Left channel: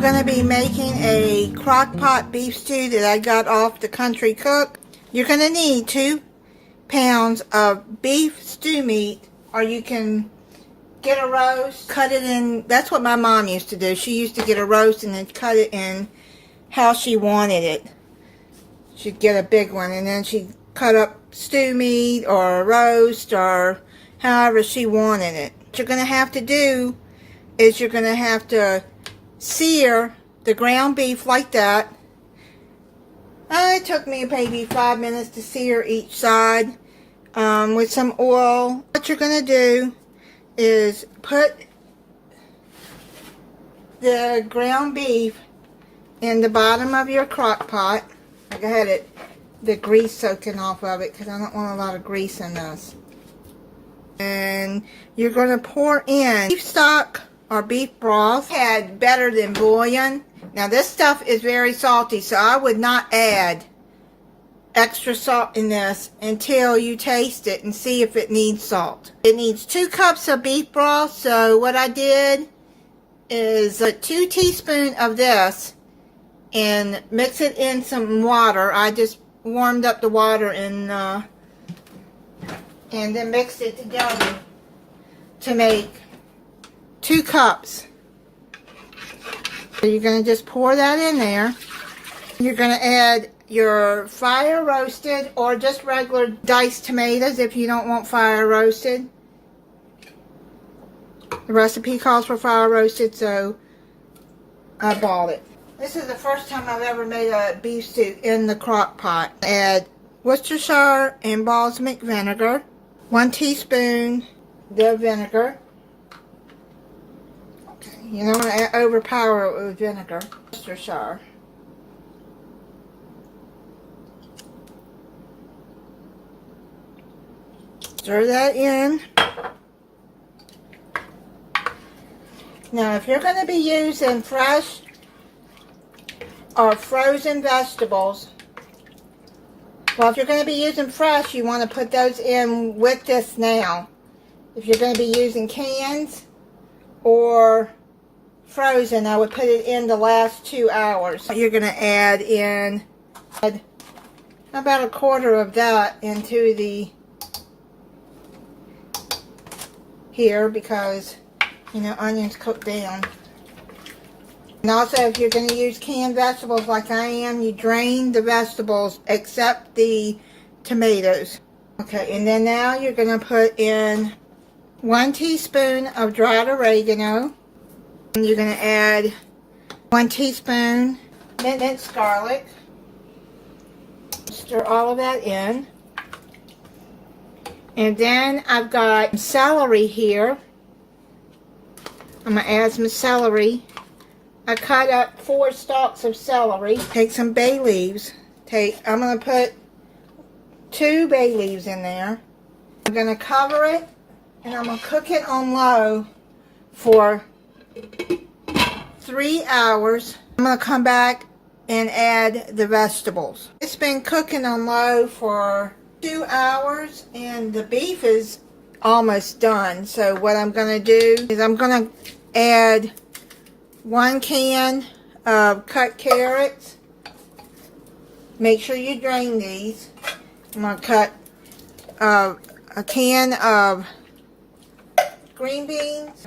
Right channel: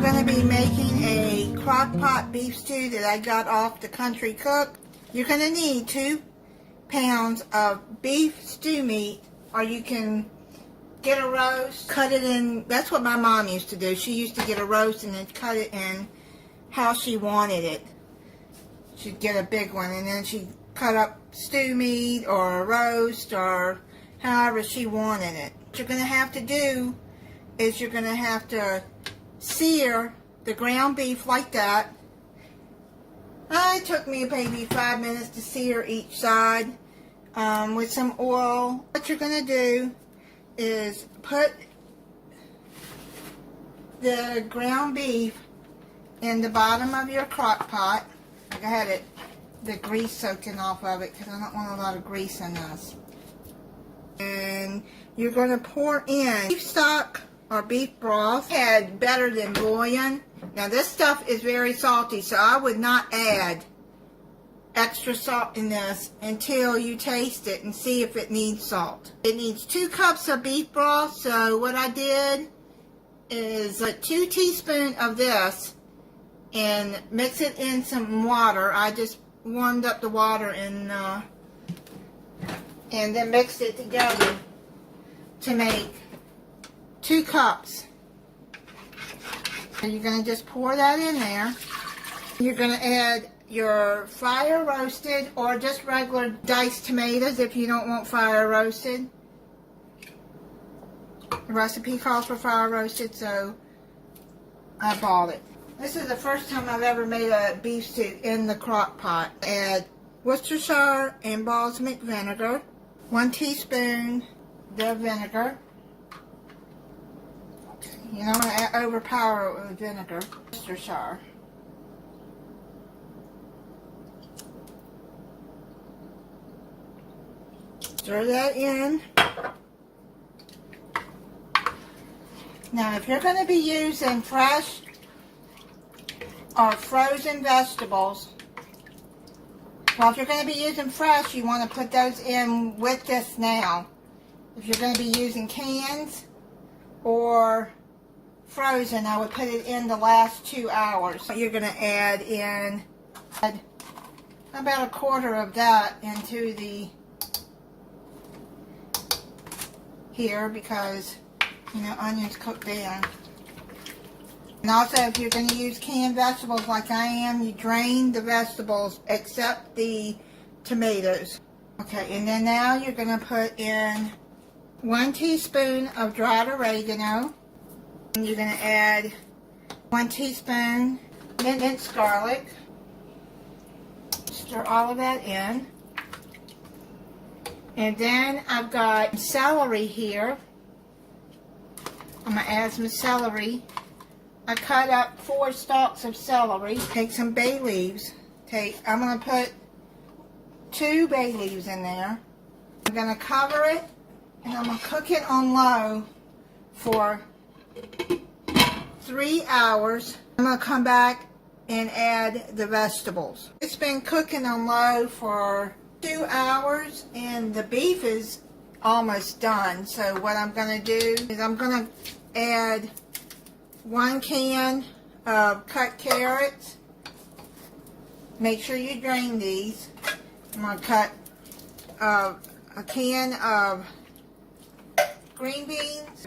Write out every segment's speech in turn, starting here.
I'm going to be making a crock-pot beef stew that I got off the Country Cook. You're going to need 2 pounds of beef stew meat, or you can get a roast, cut it in. That's what my mom used to do. She used to get a roast and then cut it in how she wanted it. She'd get a big one and then she'd cut up stew meat or a roast or however she wanted it. What you're going to have to do is you're going to have to sear the ground beef like that. It took me maybe 5 minutes to sear each side with some oil. What you're going to do is put the ground beef in the bottom of your crock pot. Like I had the grease soaking off of it because I don't want a lot of grease in this. And you're going to pour in beef stock or beef broth. Had better than bouillon. Now this stuff is very salty, so I would not add extra salt in this until you taste it and see if it needs salt. It needs 2 cups of beef broth, so what I did is 2 teaspoons of this and mix it in some water. I just warmed up the water and then mixed it together to make 2 cups. So you're going to just pour that in there. You're going to add your fire roasted or just regular diced tomatoes if you don't want fire roasted. The recipe calls for fire roasted, so I bought it. This is the first time I've ever made a beef stew in the crock pot. Add Worcestershire and balsamic vinegar, 1 teaspoon the vinegar. Okay, you don't want to overpower it with vinegar. Worcestershire. Stir that in. Now, if you're going to be using fresh or frozen vegetables, well, if you're going to be using fresh, you want to put those in with this now. If you're going to be using cans or frozen, I would put it in the last 2 hours. You're going to add in about 1/4 of that into the here because, you know, onions cook down. And also, if you're going to use canned vegetables like I am, you drain the vegetables except the tomatoes. Okay, and then now you're going to put in 1 teaspoon of dried oregano. And you're going to add 1 teaspoon minced garlic. Stir all of that in. And then I've got celery here. I'm going to add some celery. I cut up 4 stalks of celery. Take some bay leaves. I'm going to put 2 bay leaves in there. I'm going to cover it and I'm going to cook it on low for 3 hours. I'm going to come back and add the vegetables. It's been cooking on low for 2 hours and the beef is almost done. So what I'm going to do is I'm going to add 1 can of cut carrots. Make sure you drain these. I'm going to cut a can of green beans.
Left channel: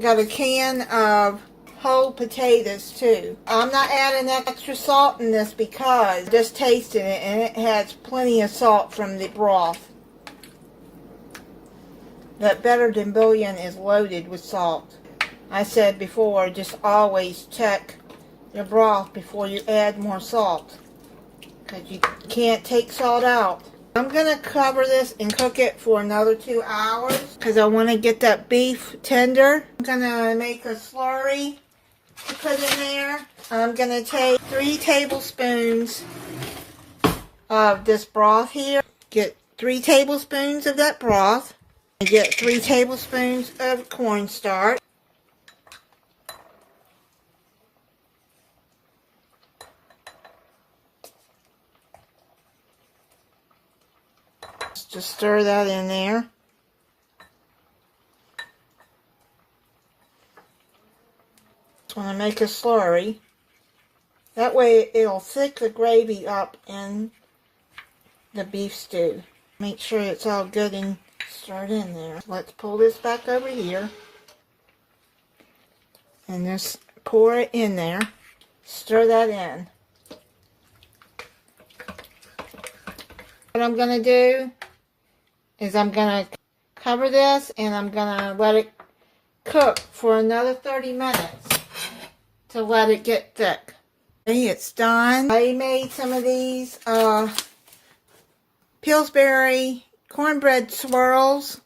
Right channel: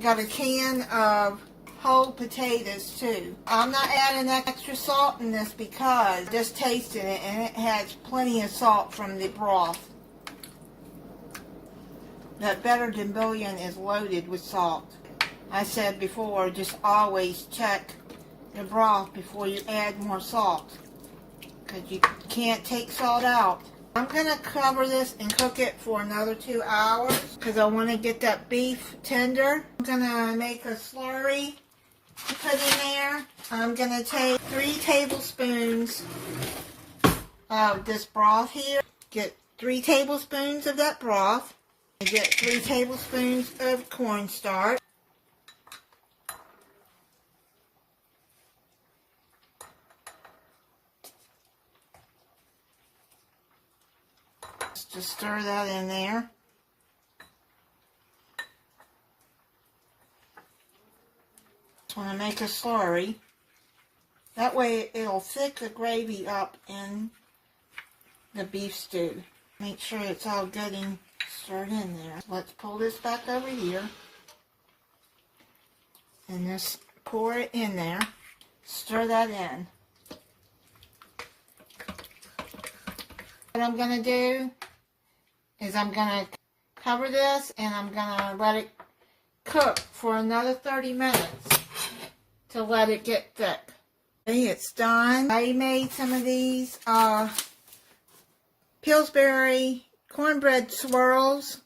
Got a can of whole potatoes too. I'm not adding extra salt in this because I just tasted it and it has plenty of salt from the broth. That better than bouillon is loaded with salt. I said before, just always check your broth before you add more salt because you can't take salt out. I'm going to cover this and cook it for another 2 hours because I want to get that beef tender. I'm going to make a slurry to put in there. I'm going to take 3 tablespoons of this broth here. Get 3 tablespoons of that broth. And get 3 tablespoons of cornstarch. Just stir that in there. I'm going to make a slurry. That way it'll thick the gravy up in the beef stew. Make sure it's all good and stirred in there. Let's pull this back over here. And just pour it in there. Stir that in. What I'm going to do is I'm going to cover this and I'm going to let it cook for another 30 minutes to let it get thick. Okay, it's done. I made some of these Pillsbury cornbread swirls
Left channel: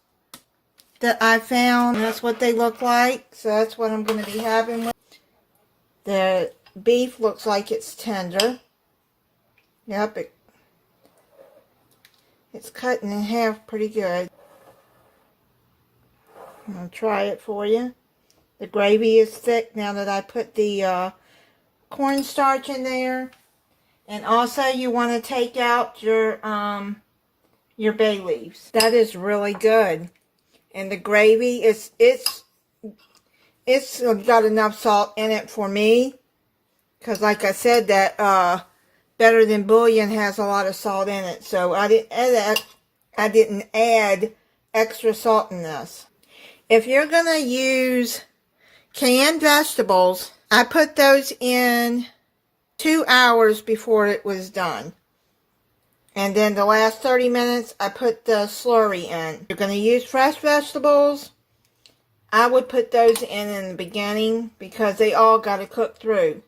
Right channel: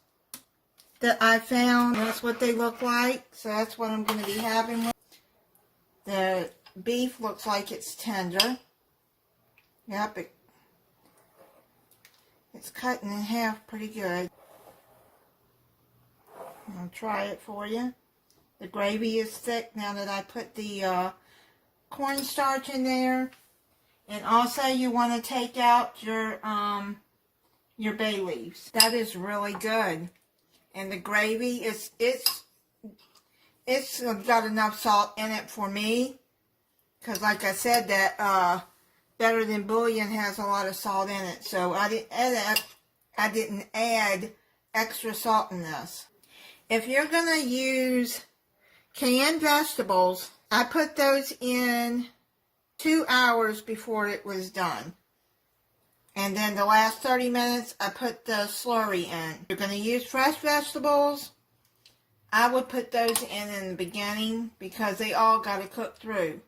that I found. That's what they look like. So that's what I'm going to be having with. The beef looks like it's tender. Yep, it's cutting in half pretty good. I'm going to try it for you. The gravy is thick now that I put the cornstarch in there. And also you want to take out your bay leaves. That is really good. And the gravy it's got enough salt in it for me. Because like I said, that Better Than Bouillon has a lot of salt in it. So I didn't add extra salt in this. If you're going to use canned vegetables, I put those in 2 hours before it was done. And then the last 30 minutes, I put the slurry in. If you're going to use fresh vegetables, I would put those in the beginning because they all got to cook through.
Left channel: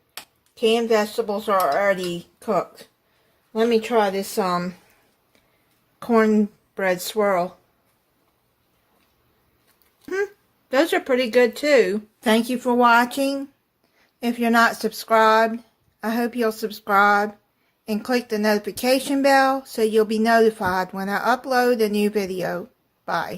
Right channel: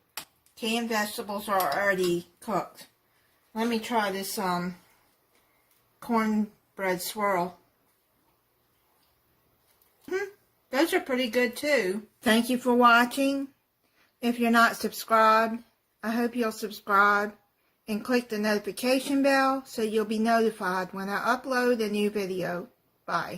Canned vegetables are already cooked. Let me try this cornbread swirl. Those are pretty good too. Thank you for watching. If you're not subscribed, I hope you'll subscribe and click the notification bell so you'll be notified when I upload a new video. Bye.